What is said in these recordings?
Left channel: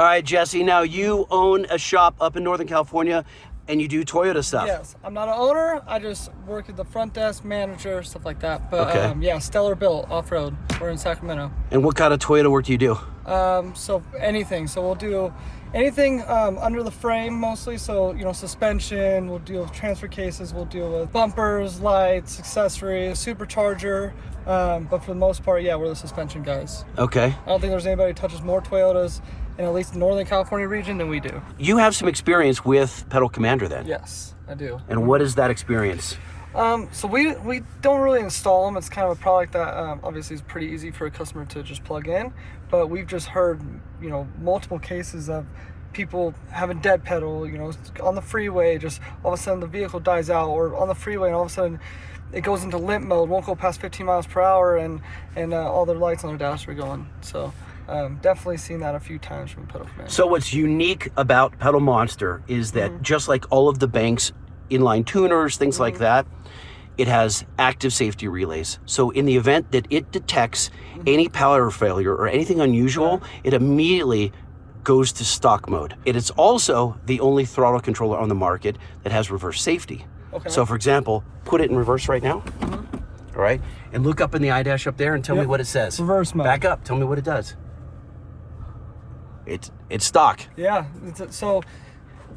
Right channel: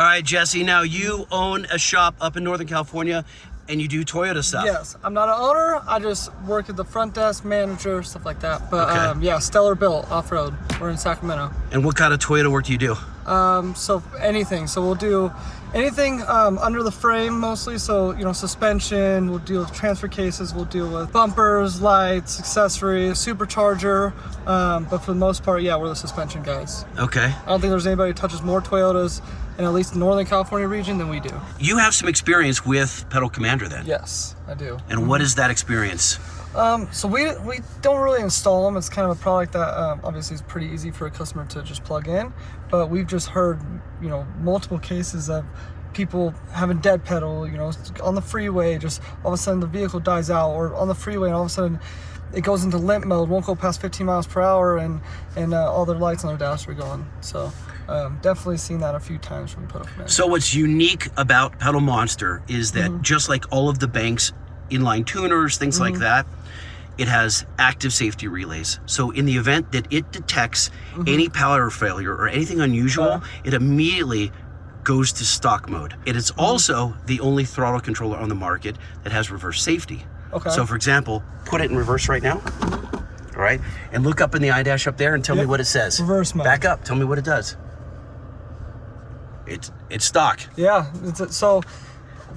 All right, Jesse, now you own a shop up in Northern California and you do Toyota stuff. Yes, I'm not an owner. I just work at the front desk, manager, stuff like that. But okay. Yeah, Stellar Built off-road. We're in Sacramento. And what kind of Toyota work do you do? So anything. So we'll do anything under the frame mostly. So, you know, suspension, we'll deal with transfer cases, we'll deal with bumpers, lights, accessories, supercharger. But for the most part, yeah, we're the suspension guys. Okay. I don't think there's anybody who touches more Toyotas in at least the Northern California region than we do. You have some experience with Pedal Commander then? Yes, I do. And what is that experience? So we don't really install them. It's kind of a product that obviously is pretty easy for a customer to just plug in. But we've just heard, you know, multiple cases of people having dead pedal, you know, on the freeway, just all of a sudden the vehicle dies out, or on the freeway and all of a sudden it goes into limp mode, won't go past 15 miles per hour, and all their lights on their dash are going. So definitely seen that a few times from Pedal Commander. So what's unique about PedalMonster is that just like all of the Banks inline tuners, things like that, it has active safety relays. So in the event that it detects any power failure or anything unusual, it immediately goes to stock mode. It is also the only throttle controller on the market that has reverse safety. Okay. So for example, put it in reverse right now. All right, and look up in the iDash up there and tell me what it says. Reverse mode. Back up, tell me what it does. It's stock. Yeah, so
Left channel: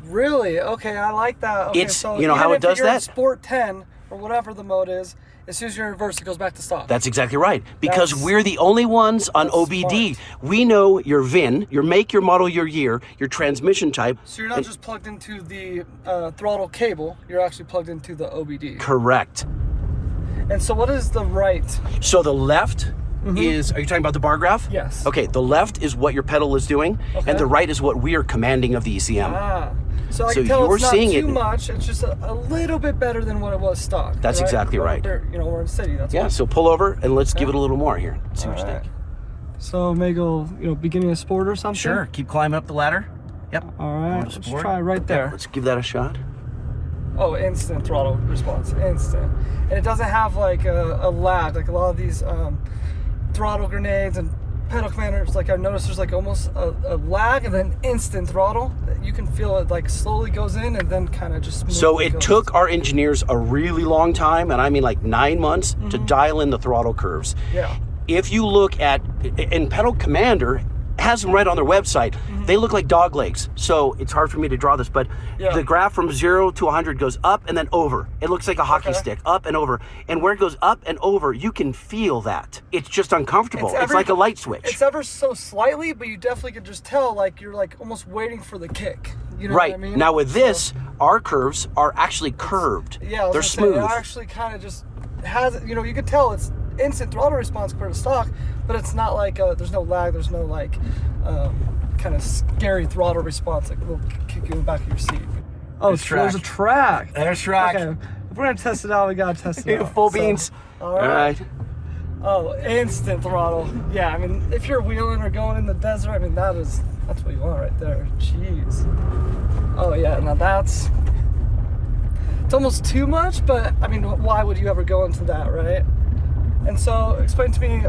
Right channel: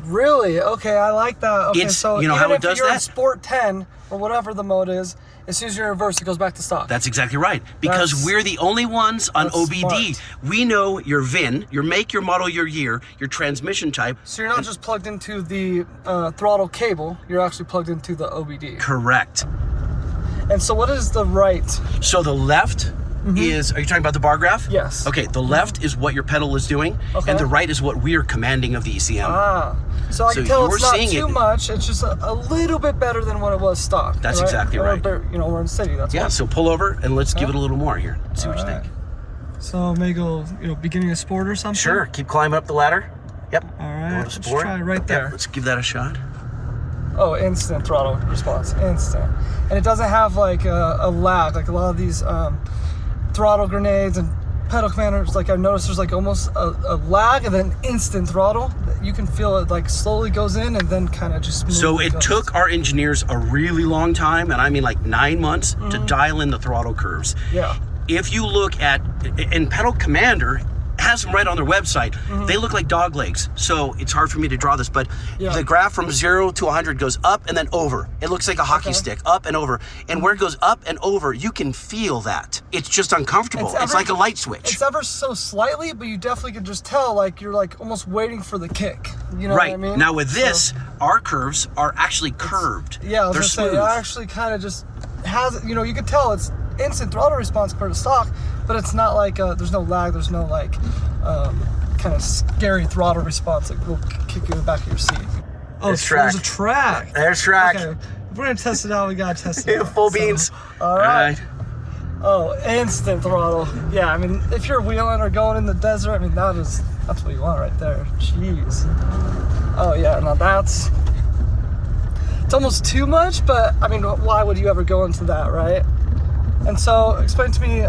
really, okay, I like that. Okay, so you know even how it if does you're that? in Sport 10 or whatever the mode is, as soon as you're in reverse, it goes back to stock. That's exactly right. Because we're the only ones on OBD. Smart. We know your VIN, your make, your model, your year, your transmission type. So you're not just plugged into the throttle cable, you're actually plugged into the OBD. Correct. And so what is the right? So the left is, are you talking about the bar graph? Yes. Okay, the left is what your pedal is doing, Okay. and the right is what we are commanding of the ECM. Ah, so I can tell you're it's not seeing too much, it's just a little bit better than what it was stock. That's exactly right. You know, we're in the city, that's Yeah, why. so pull over and let's give it a little more here. See what you think. So maybe go, you know, beginning of sport or something? Sure, keep climbing up the ladder. Yep. All right, let's try right there. Yep, let's give that a shot. Oh, instant throttle response, instant. And it doesn't have like a lag, like a lot of these throttle grenades and Pedal Commanders, like I've noticed there's like almost a lag and then instant throttle. You can feel it like slowly goes in and then kind of just smoothly So it goes. took our engineers a really long time, and I mean like 9 months, to dial in the throttle curves. Yeah. If you look at, and Pedal Commander has them right on their website, they look like dog legs. So it's hard for me to draw this, but the graph from 0 to 100 goes up and then over. It looks like a hockey stick, up and over. And where it goes up and over, you can feel that. It's just uncomfortable. It's like a light switch. It's ever so slightly, but you definitely can just tell, like you're like almost waiting for the kick. You know what I mean? Now with this, our curves are actually curved. Yeah, I was They're gonna smooth. say, it actually kind of just has, you know, you can tell it's instant throttle response compared to stock, but it's not like there's no lag, there's no like kind of scary throttle response that will kick you in the back of your seat. Oh, There's track. There's a track. There's track. Okay. If we're gonna test it out, we gotta test it out. Full beans. All right. Oh, instant throttle. Yeah, I mean, if you're wheeling or going in the desert, I mean, that's what you want right there. Jeez. Oh yeah, now it's almost too much, but I mean, why would you ever go into that, right? And so, explain to me, you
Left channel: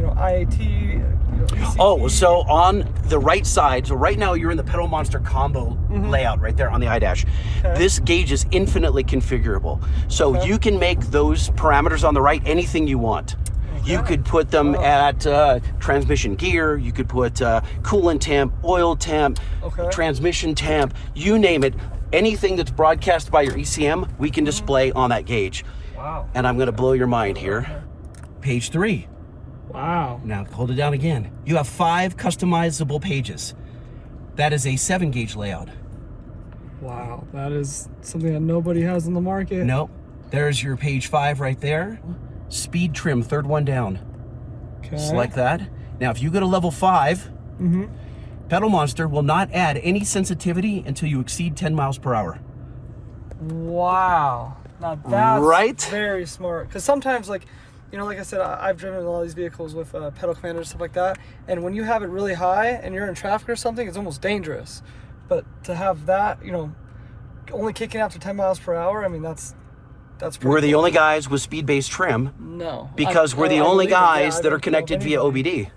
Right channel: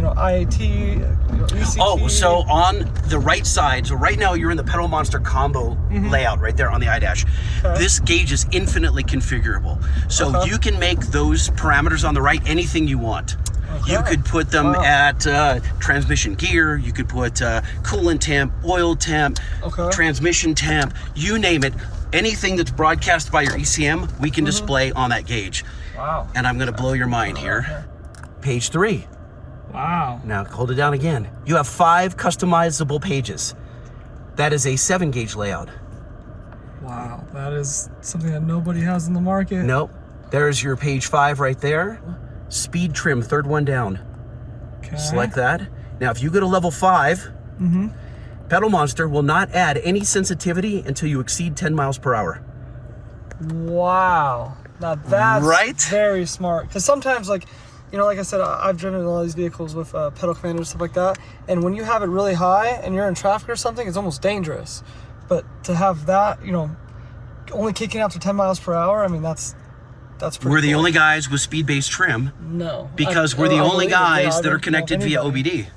know, IAT, you know, ECT. Oh, so on the right side, so right now you're in the PedalMonster combo layout right there on the iDash. Okay. This gauge is infinitely configurable. So you can make those parameters on the right anything you want. You could put them at transmission gear, you could put coolant temp, oil temp, transmission temp, you name it. Anything that's broadcast by your ECM, we can display on that gauge. Wow. And I'm gonna blow your mind here. Page 3. Wow. Now hold it down again. You have 5 customizable pages. That is a 7-gauge layout. Wow, that is something that nobody has in the market. Nope. There's your page 5 right there. Speed trim, 3rd one down. Okay. Select that. Now if you go to level 5, PedalMonster will not add any sensitivity until you exceed 10 miles per hour. Wow. Now that's very smart. Because sometimes, like, you know, like I said, I've driven a lot of these vehicles with Pedal Commander and stuff like that. And when you have it really high and you're in traffic or something, it's almost dangerous. But to have that, you know, only kicking after 10 miles per hour, I mean, that's pretty We're the cool. only guys with speed-based trim. No. Because we're the only guys that are connected via OBD.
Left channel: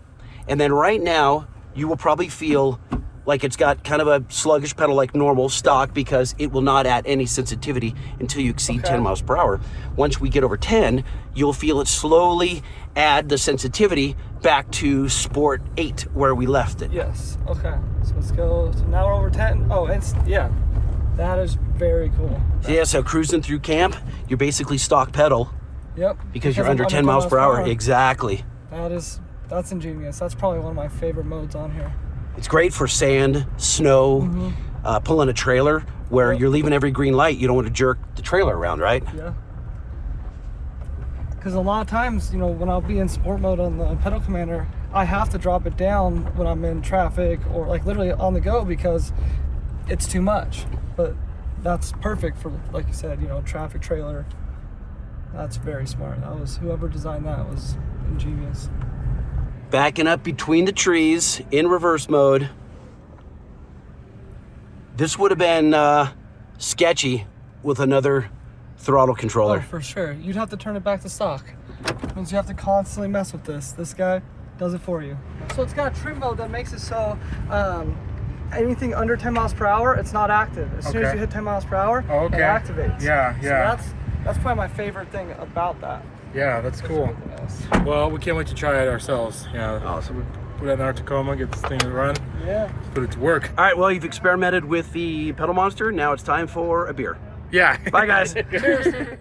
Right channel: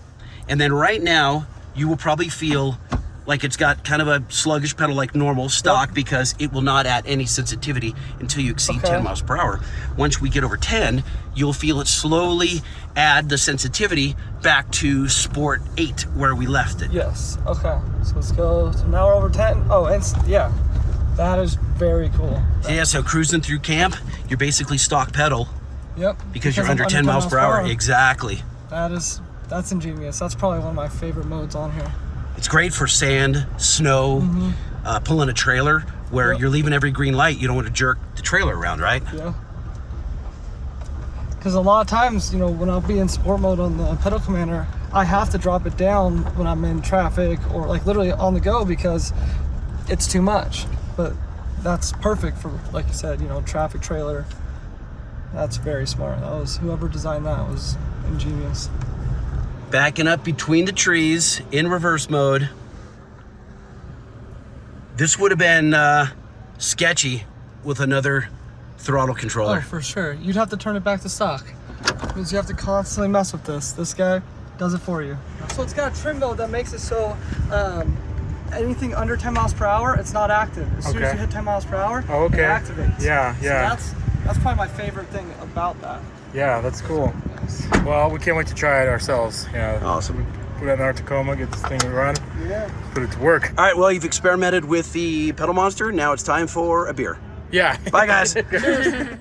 And then right now, you will probably feel like it's got kind of a sluggish pedal like normal stock, because it will not add any sensitivity until you exceed 10 miles per hour. Once we get over 10, you'll feel it slowly add the sensitivity back to Sport 8 where we left it. Yes. Okay. So let's go. So now we're over 10. Oh, and yeah, that is very cool. Yeah, so cruising through camp, you're basically stock pedal. Yep. Because you're under 10 miles per hour. Exactly. That's ingenious. That's probably one of my favorite modes on here. It's great for sand, snow, pulling a trailer where you're leaving every green light. You don't want to jerk the trailer around, right? Yeah. Because a lot of times, you know, when I'll be in sport mode on the Pedal Commander, I have to drop it down when I'm in traffic or like literally on the go because it's too much. But that's perfect for, like you said, you know, traffic trailer. That's very smart. That was, whoever designed that was ingenious. Backing up between the trees in reverse mode. This would have been sketchy with another throttle controller. Oh, for sure. You'd have to turn it back to stock. It means you have to constantly mess with this. This guy does it for you. So it's got a trim mode that makes it so anything under 10 miles per hour, it's not active. As soon as you hit 10 miles per hour, it activates. Yeah, yeah. So that's probably my favorite thing about that. Yeah, that's cool. Well, we can't wait to try it ourselves. Yeah. Awesome. Put it in our Tacoma, get this thing to run. Yeah. Put it to work. All right, well, you've experimented with the PedalMonster. Now it's time for a beer. Yeah. Bye, guys. Cheers.